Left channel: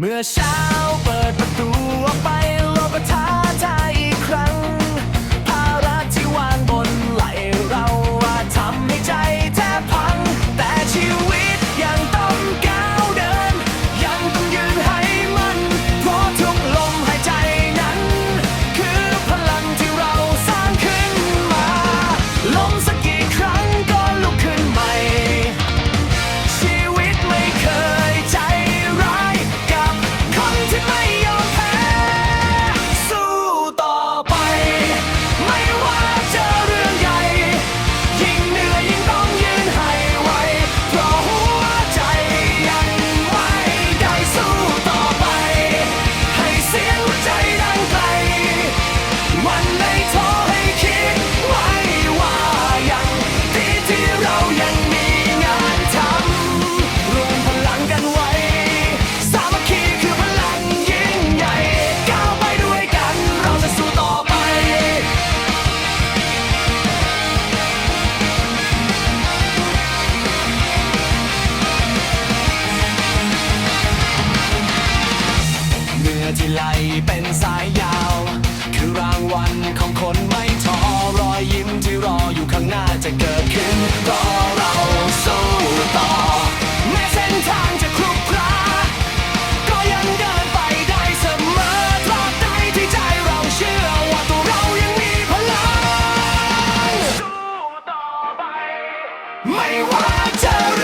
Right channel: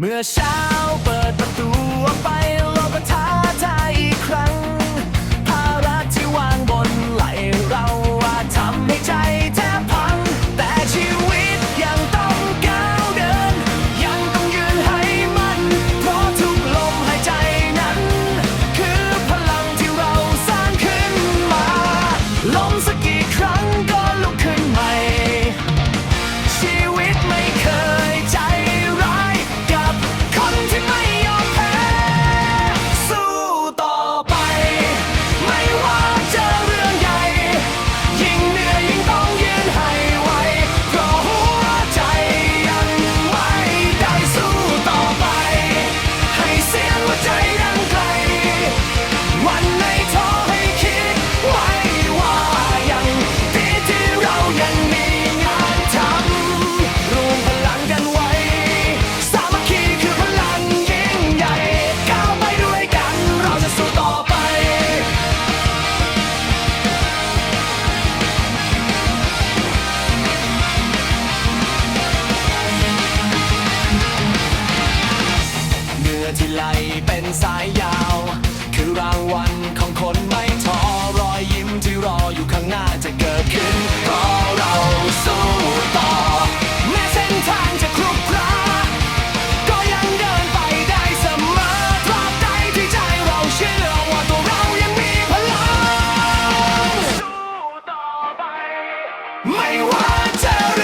เมื่อเช้าเปิดประตูออกไปโลกก็ท้าทายอีกครั้ง ที่ไหลเป็นสายยาว คือรางวัลของคนไม่ท้อรอยยิ้มที่รออยู่ข้างหน้าจะเกิดขึ้นเพราะเราสู้ต่อ แม้เส้นทางจะครุขระก็ยังเดินไปได้เสมอตราบใดที่ใจเราเชื่อว่าตัวเรายังมีพลัง สู้ต่อไป ไม่ว่าจอเรื่